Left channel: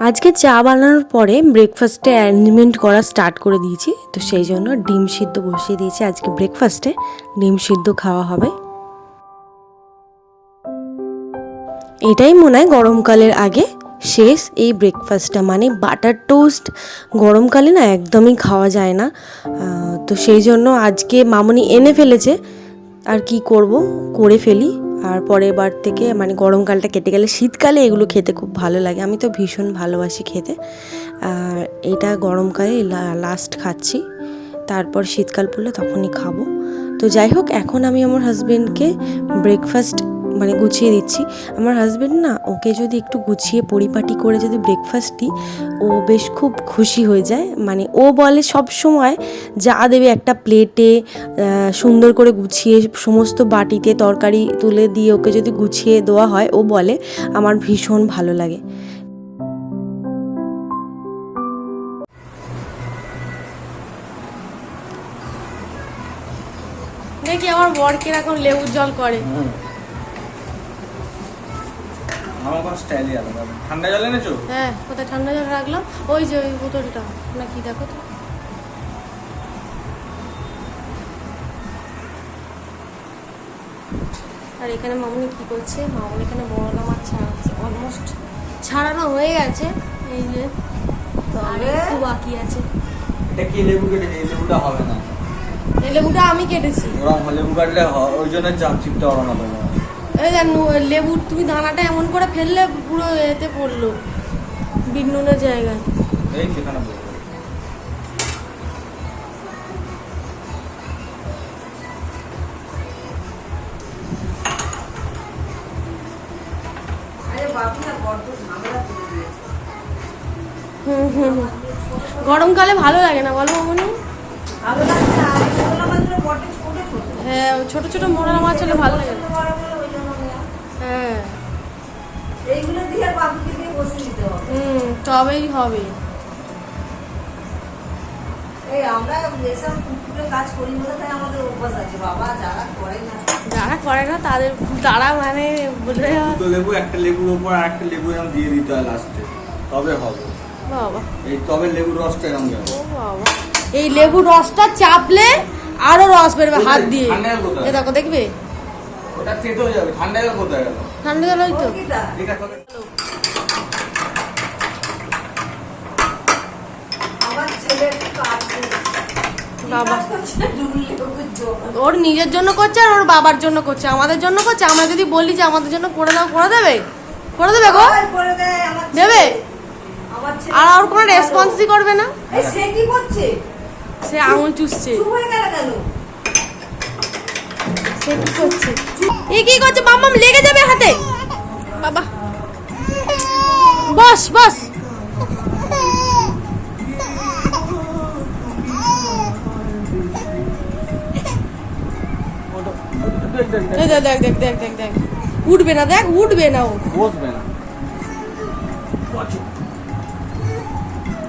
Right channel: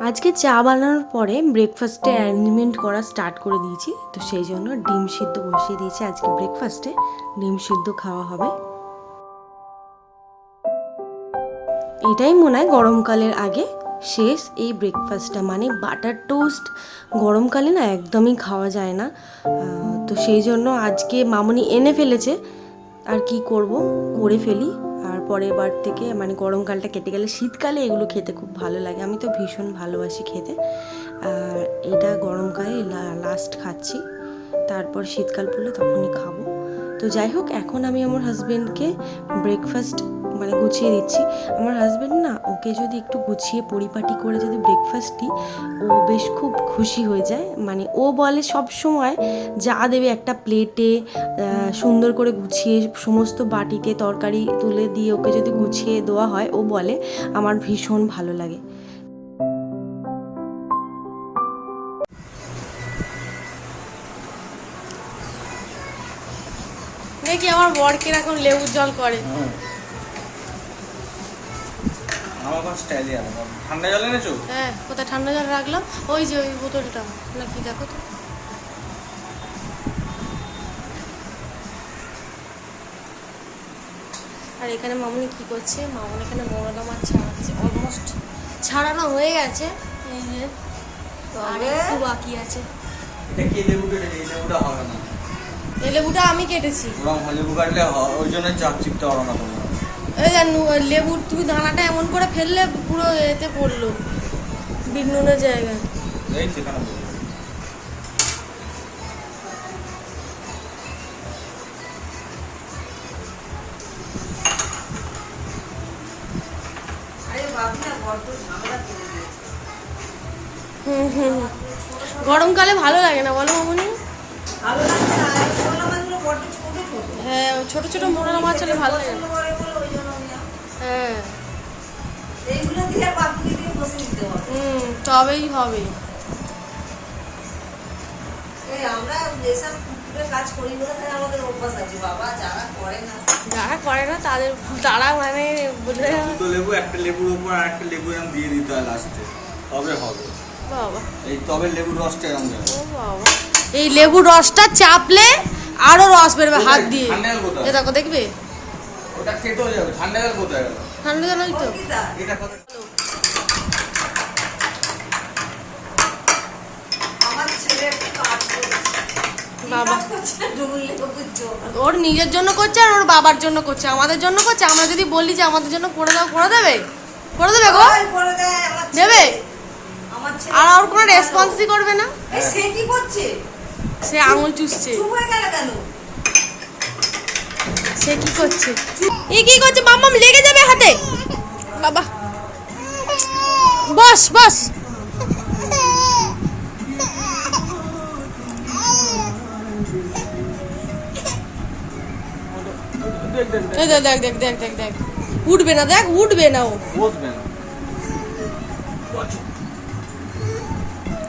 আজকে চা বানানোর পরে ব্রেকফাস্টে অ্যারেঞ্জমেন্ট করা স্টার্ট করে দিয়েছি। তো সেই জন্য ডিম সিদ্ধ বসিয়ে দিয়েছি আজকে ব্রেকফাস্টে ডিম সিদ্ধ খাওয়া হবে। এটাই মনে হয় গরমকালের আগে শেষ এই ব্রেকফাস্টটা মানে বাটার টোস্ট গরমকালে না একদমই খাওয়া যায় না। তো সেই জন্য আজকে মামনি এনে ফেলেছে। আর কি করব? করে ফেলি। আর পরের বার থেকে মানে গরমকালটা কেটে গেলে শীতকালে এগুলো খেতে খুব ভালো লাগে। আমি তো ভীষণ ভালোবাসি খেতে। আর এটা গরমকালে লাস্ট খাচ্ছি। তারপর শীতকাল পড়লে তখনই খাব। তো যাই হোক, এখন আমি আমার হাজব্যান্ডকে ব্রেকফাস্ট মানে গুছিয়ে দিচ্ছি। আমার হাজবেন্ড না ওকে যদি একটু গুছিয়ে পরিপাটি করে যদি ব্রেকফাস্ট দিই ও বেশ খুব খুশি হয়ে যায়। মানে ও বলে সব সময় যা দেবে একটা প্লেটে সুন্দর করে গুছিয়ে সমস্ত বাটিতে তরকারি তুলে দিয়ে ওকে যদি গুছিয়ে দেওয়া হয় ও বলে আমার ভীষণ ভালো লাগে। দেখি আমার বর কীরকম লেবুর জল করে। হুম। আমার আবার স্টাইলই আলাদা। ঠান্ডা জল এনেছো? হ্যাঁ কোথায় ঠান্ডা জল রাখলাম? ওই যে ওই বোতলটা নাকি দেখো তো। আর এখানে মামুনি কি করছে? মামুনি এখানে বড়লা মাছ ছাড়াচ্ছে অলমোস্ট ছাড়ানো হয়ে গেছে। এই যে আর একটু বাকি আছে। এটা কি লেবু এই লেবুটা হবে না। এই লেবুটা আমি কেটেছি। ওরকম লেবু কাটলে ওই জন্য চাপ চিপতে পারো না তোমরা। লেবুর তুমি দানাটা এমন করে ফেললে পুরো এতে পড়ল বিট নুনের জায়গায়। গরমকালে ভালো লাগে না বলো মামনি? হ্যাঁ ছোট ছোট মোড়া মাছ হলে ভালো লাগে। না বড় বড় ওই জন্য আমি আর- হ্যাঁ। এইগুলো দিয়ে বাবুকে দিয়ে বসে দিতে হবে। হুম তবেই হবে। এই আমরা যেসব পুকুরে কাজ করি বলে তাই আমাদের অভ্যাস আছে। বাবা যারা করে না যারা করে না তাদের তারা মানে দুটো লেবু একটা লেবুর উপর আর একটা লেবু এরকম দিয়ে দিতে হয় লাস্টে তবে হবে। বাবা। এই তবে লেবুর রসটা এরকম গেল ও বাবা। এই লেবুর রসটা চাপলে আরও রস বেরবে হাত দিয়ে। এ দেখো দেখবে? ওটা তেতো হয়ে যাবে ঠান্ডা জল কোথায় গেল? ঠান্ডা জল ওই তো। এটা বাবা। ওর নিজের জন্য করছে আর ওর বাবার জন্য করছে। আমাদের জন্য করছে। আমরা যদি বলি যে আমাদের জন্য করে দাও করে দেবে? করে দেবে গো। দেবে? আমার আর ওর কোনো রেসপন্সই করবে না? সে কি করছে? সে আঙুল চুষছে। চুপ হয়ে গেল কেন? সে কি করছে? এ কি করছে? মাম্মাম লেগে যাবে হাতে। বাবা। বস বস। দেখ দেখ দেখ দেখ দেখ দেখ দেখ। উঠবে না দেখ উঠবে না ও। বসবে না।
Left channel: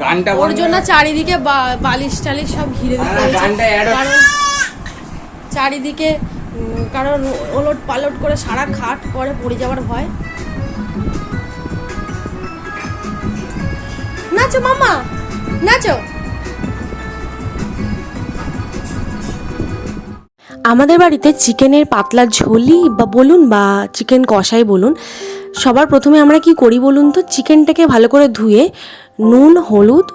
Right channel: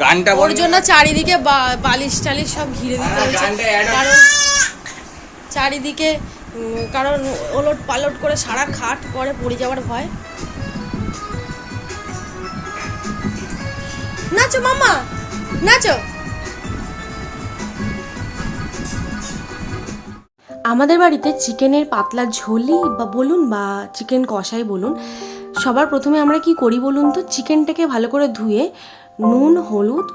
গানটা ওর জন্য চারিদিকে বালিশ টালিশ সব ঘিরে দিতে হয়েছে। হচ্ছে। কারণ চারিদিকে কারণ ওলট পালট করে সারা খাট পরে পড়ে যাওয়ার ভয়। নাচো মামা নাচো। আমাদের বাড়িতে চিকেনের পাতলা ঝোলই বা বলুন বা চিকেন কষাই বলুন, সবার প্রথমে আমরা কি করি বলুন তো? চিকেনটাকে ভালো করে ধুয়ে নুন, হলুদ,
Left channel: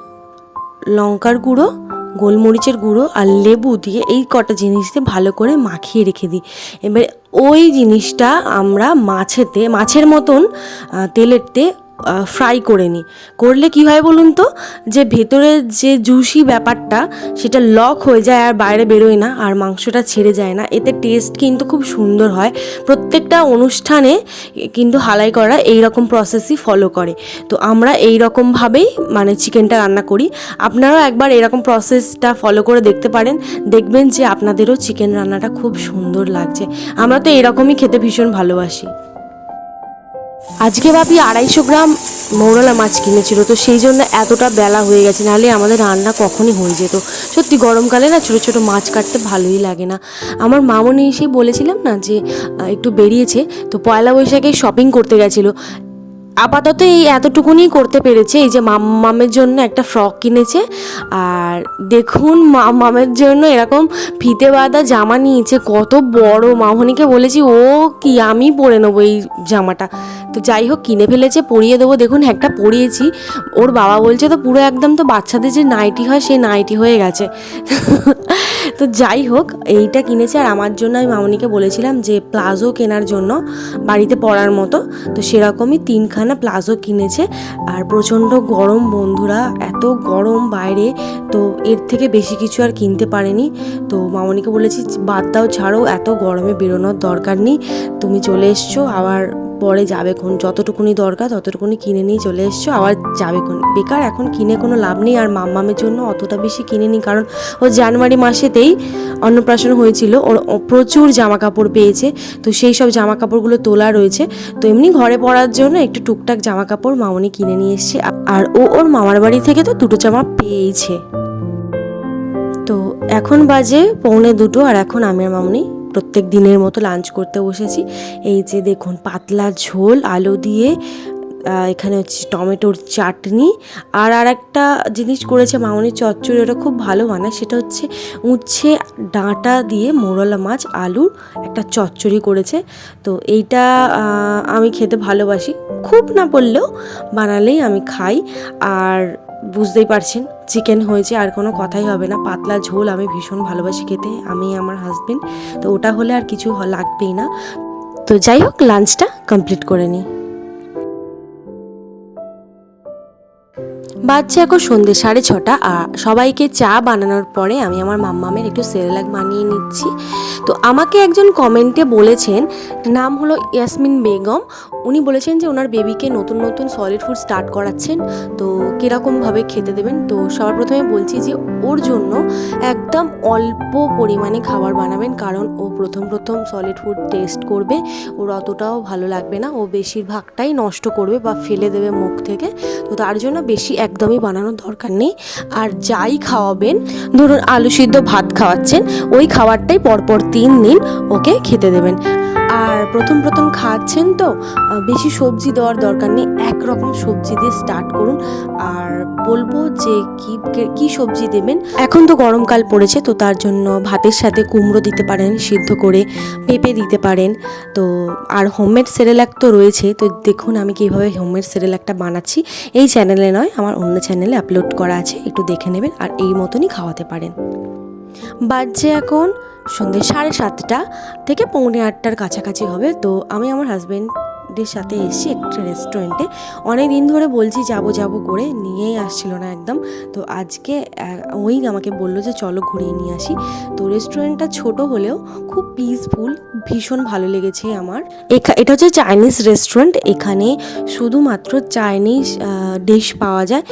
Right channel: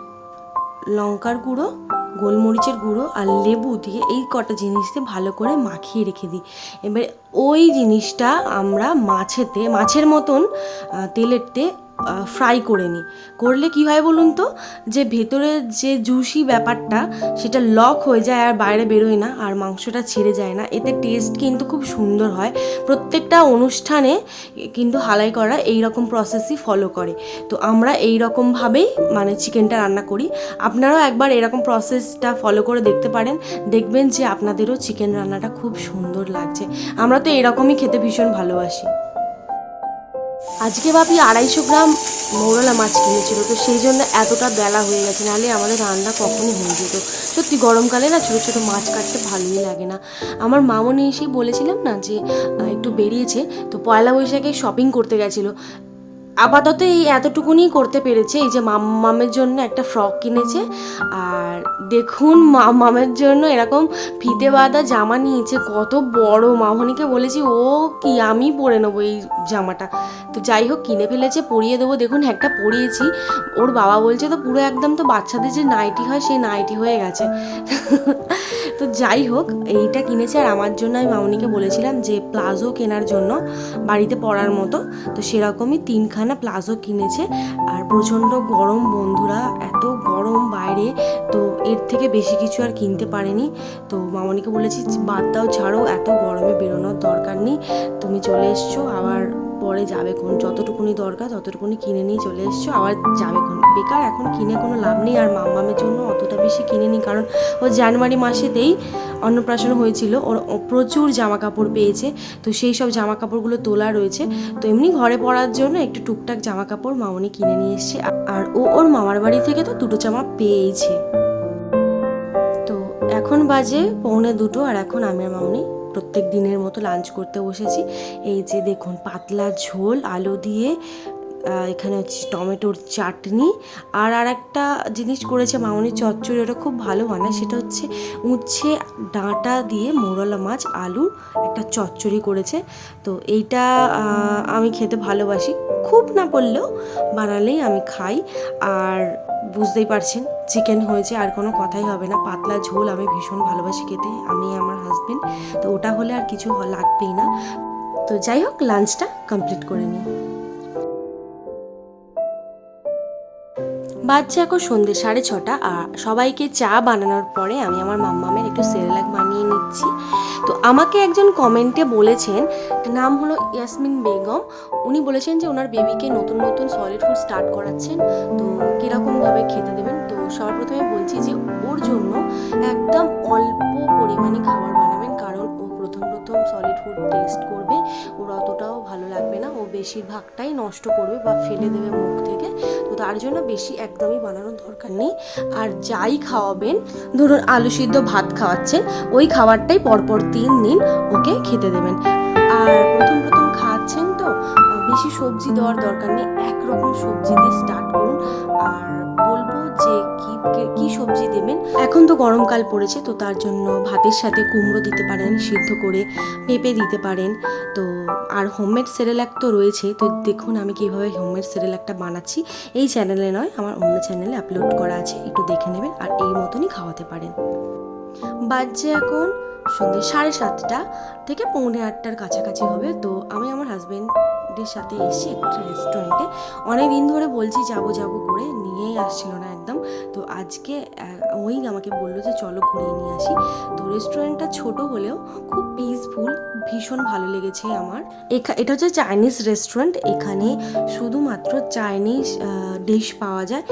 লঙ্কার গুঁড়ো গোলমরিচের গুঁড়ো আর লেবু দিয়ে এই কটা জিনিস দিয়ে ভালো করে মাখিয়ে রেখে দিই। এবার ওই জিনিসটা আমরা মাছেতে, মাছের মতন তেলেতে ফ্রাই করে নিই করলে কি হয় বলুন তো? যে ভেতরের যে জুসি ব্যাপারটা, সেটা লক হয়ে যায় আর বাইরে বেরোয় না, আর মাংসটা ছেড়ে যায় না। এতে টেস্ট কিন্তু খুব সুন্দর হয়। প্রত্যেকটা অনুষ্ঠানে কিন্তু হালাই করা এই রকম প্রসেসই ফলো করে। তো আমরা এই রকমভাবেই মানে চিকেনটা রান্না করি। আপনারাও একবার এরকম প্রসেসটা ফলো করে দেখতে পারেন। দেখবেন যে আপনাদেরও চিকেন রান্নাটা খুব সুন্দর লাগছে। আমরা তো এরকমই খেতে ভীষণ ভালোবাসি। আজকে বাপি আড়াইশো গ্রাম মৌরলা মাছ কিনেছিল, তো সেই জন্য এতটা বেলা হয়ে গেছে, নাহলে আমাদের রান্না কখনই হয়ে যেত। সত্যি গরমকালে না ছোটো ছোটো মাছ কাটতে ভালোই লাগে না। আমার মামনি এসে বলেছিলাম না যে একটু বেরিয়েছে, তো পয়লা বৈশাখে শপিং করতে গেছিল। আপাতত এই এতটুকুনি করতে পেরেছে। এই যে মামের জন্য একটা ফ্রক কিনেছে। আর দেখুন মামের জন্য এরকম ফিতে বাঁধা জামা নিয়েছে। কত বড় মামনিকে বলেছি, ও কি, আমি পরে নেব এই জামাটা। তো যাই হোক, কিনে ফেলেছে, পরিয়ে দেবো। দেখুন, একটা পরিয়েছি। ওর বাবা বলছে তো, পুরো একদম তো বাচ্চাদের যে নাইটি হয়, সেই নাইটি হয়ে গেছে। তো যাই হোক, এইটা কিনেছে। আর আমার জন্য আমি মামনিকে বলেছিলাম যে, প্লাজো কেনার জন্য বাড়িতে পরার মতো। তো সেরকমই তিনখানা প্লাজো কিনেছে। আর প্রচণ্ড গরম বন্ধুরা, এত গরম বাইরে, তো এর থেকে বেশি কিছু আর কিনতে পারেনি। তো মামনিকে বলেছি, বাদ দাও, ছাড়ো, এত গরমে বেরোনোর দরকার নেই। তুমি চলে এসছো, আবার পরে যাবে কোন যতটুকুনি দরকার ততটুকুনি কিনে নিয়ে চলে এসছো, আবার যাবে কোন বেকার, এখন কিনে কোনো লাভ নেই, আর মাম্মামের জন্য অতটা বেশি কিনে নিই কারণ ও জানুয়ারি মাসেতেই অন্নপ্রাশন হয়েছিল, ওর প্রচুর জামা কাপড় পেয়েছে, তো সেই সব জামা কাপড়গুলো তোলা রয়েছে, তো এমনি ঘরে পরার জন্য একটু টুকটাক জামা কাপড় মামনি কিনে নিয়ে এসছে, আর ও ওর মামার বাড়ি থেকে তো দুটো জামা পেয়েছে। তো এখন বাজে পৌনে দুটো, আর এখন আমি আর মামনি প্রত্যেক দিনের মতো লাঞ্চ করতে বসেছি। এই যে দেখুন পাতলা ঝোল আলু দিয়ে এখানে হচ্ছে টমেটোর চাটনি আর আর একটা জিনিস করেছে মামনি চচ্চড়ি, ওটা খুব ভালো বানায়, সেটা হচ্ছে উচ্ছে, ডাঁটা দিয়ে মোরলা মাছ আলুর একটা চচ্চড়ি করেছে। তো এইটা আমি খেতে ভালোবাসি। খুব না বললেও বানালেই আমি খাই। আর বুঝতেই পারছেন, চিকেন হয়েছে, আর কোনো কথাই হবে না। পাতলা ঝোল, আমি ভীষণ ভালোবাসি খেতে, আমি আমার হাজবেন্ড তো ওটা হলে আর কিছু লাগবেই না। তো যাই হোক লাঞ্চটা কমপ্লিট করে নিই। বাচ্চা এখন সন্ধ্যে সাড়ে ছটা, আর সবাইকে চা বানানোর পরে আমি আমার মাম্মামের একটু সেরেলাক বানিয়ে নিচ্ছি। তো আমাকে একজন কমেন্টে বলেছেন নাম হলো ইয়াসমিন বেগম। উনি বলেছেন যে ওনার বেবিকে নতুন নতুন সলিড ফুড স্টার্ট করাচ্ছেন। তো কীরকমভাবে খেতে দেবেন? তো সবার প্রথমে বলছি যে ওর জন্য একদম অল্প পরিমাণে খাবার বানাবেন, কারণ ও প্রথম প্রথম সলিড ফুড টেস্ট করবে। ওর অতটাও ভালো লাগবে না। ও বেশিরভাগটাই নষ্ট করবে বা ফেলে দেবে মুখ থেকে। তো তার জন্য বেশি একদমই বানানোর দরকার নেই। আর যাই খাওয়াবেন, ধরুন আলু সিদ্ধ ভাত খাওয়াচ্ছেন, ওই খাবারটাই পরপর তিন দিন ওকে খেতে দেবেন। আর প্রথম প্রথম খাচ্ছেন তো বেশি সবজি দেওয়ার দরকার নেই, একরকম সবজি দিয়ে স্টার্ট করুন। আর বলব যে কি কি সবজি দেবেন? এখন তো গরমকাল পড়েছে, তো তার জন্য ভাতের সাথে কুমড়ো দিতে পারেন, সিদ্ধ করে পেঁপে দিতে পারেন। তো আর হোমমেড সেরেলাক তো রয়েছে, তো দেখুন আমি কীভাবে হোমমেড সেরেলাকটা বানাচ্ছি। এই চ্যানেলে নয়, আমার অন্য চ্যানেলে আপলোড করা আছে, একটু দেখে নেবেন আর এই মতনই খাওয়াতে পারেন। বাজছে এখন সন্ধ্যে সাড়ে সাতটা থেকে পৌনে আটটার কাছাকাছি হবে। তো আমি আমার হাজব্যান্ডের সাথে এসেছি একটা রেস্টুরেন্টে অনেক দিন ধরে বলছি যাব যাব করে নিয়েই আসছিল না একদম। তো আজকে ওই আমাকে বলল যে চলো ঘুরিয়ে নিয়ে আসি। তো রেস্টুরেন্টটা ছোট হলেও খুব পিসফুল ভীষণ ভালো লেগেছে আমার। এটা হচ্ছে চাইনিজ রেস্টুরেন্ট এখানে শুধুমাত্র চাইনিজ ডিশ পাওয়া যায়।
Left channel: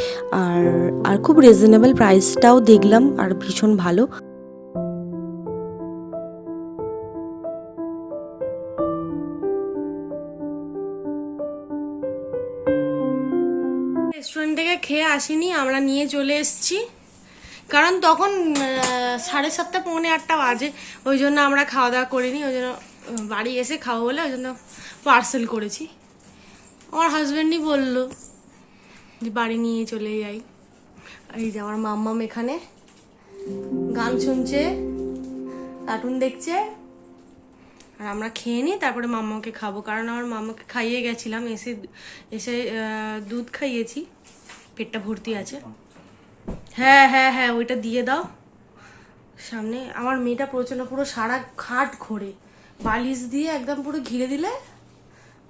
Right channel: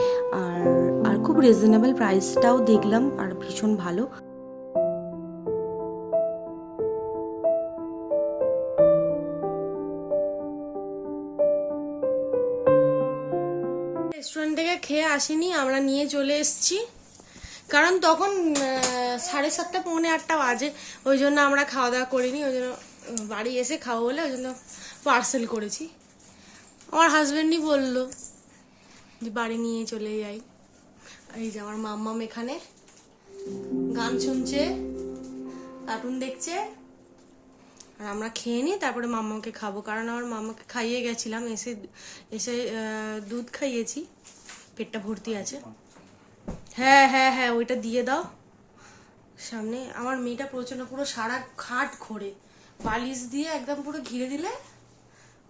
আর আর খুব রিজনেবল প্রাইসটাও দেখলাম, আর ভীষণ ভালো। রেস্টুরেন্ট থেকে খেয়ে আসিনি, আমরা নিয়ে চলে এসেছি। কারণ তখন সাড়ে সাতটা, পৌনে আটটা বাজে। ওই জন্য আমরা খাওয়া দাওয়া করিনি, ওই জন্য বাড়ি এসে খাব বলে ওই জন্য পার্সেল করেছি। আমার হাজব্যান্ডই বলল যে, বাড়ি নিয়ে চলে যাই। এই যে আমার মাম্মাম এখানে, গান শুনছে কার্টুন দেখছে। আর আমরা খেয়ে নিই তারপরে মাম্মাকে খাব। কারণ আমার মাম্মাকে খাইয়ে গেছিলাম এসে এসে দুধ খাইয়েছি। পেটটা ভর্তি আছে। হ্যাঁ হ্যাঁ হ্যাঁ ওইটা দিয়ে দাও। সামনে আমার মেয়েটা প্রচণ্ড পুরো সারা খাট ঘোরে। বালিশ দিয়ে একদম পুরো ঘিরে দিলে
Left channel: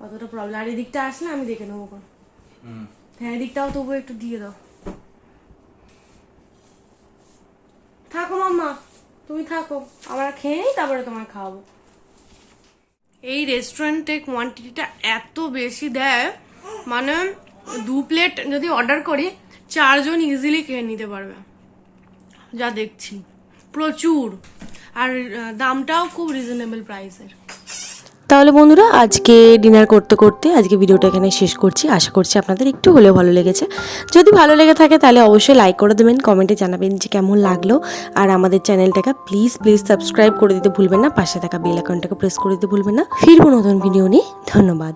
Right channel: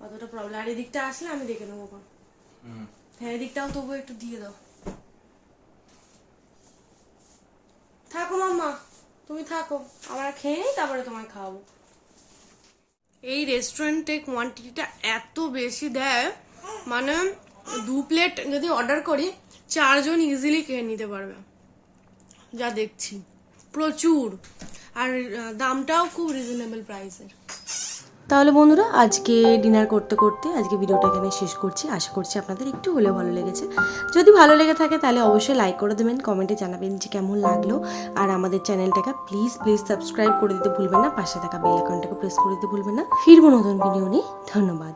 অতটা প্রবলেম আর এদিকটা আসলে আমি দেখে নেব। হ্যাঁ এদিকটাও তবু একটু দিয়ে দাও। থাকো মাম্মা তুমি থাকো। আমরা খেয়ে নিই তারপরে তোমায় খাওয়াবো। এই রেস্টুরেন্টে কোয়ান্টিটিটা এত বেশি দেয় মানে দু প্লেট যদি অর্ডার করি, চারজন ইজিলি খেয়ে নিতে পারবে। যা দেখছি। প্রচুর। আর দামটাও খুব রিজনেবল প্রাইসের তাহলে বন্ধুরা, আজকে ডিনার করতে করতে আজকে ভিডিওটা এখানে শেষ করছি। আশা করছি আপনাদের একটু হলেও ভালো লেগেছে। যদি ভালো লেগে থাকে তাহলে অবশ্যই লাইক করে দেবেন কমেন্টে জানাবেন যে কেমন লাগল। আর আমাদের চ্যানেলটাকে প্লিজ প্লিজ সাবস্ক্রাইব করে দিতে ভুলবেন না, পাশে থাকা বেল আইকনটাকে প্রেস করে দিতে ভুলবেন না। ফিরবো নতুন ভিডিও নিয়ে, ধন্যবাদ।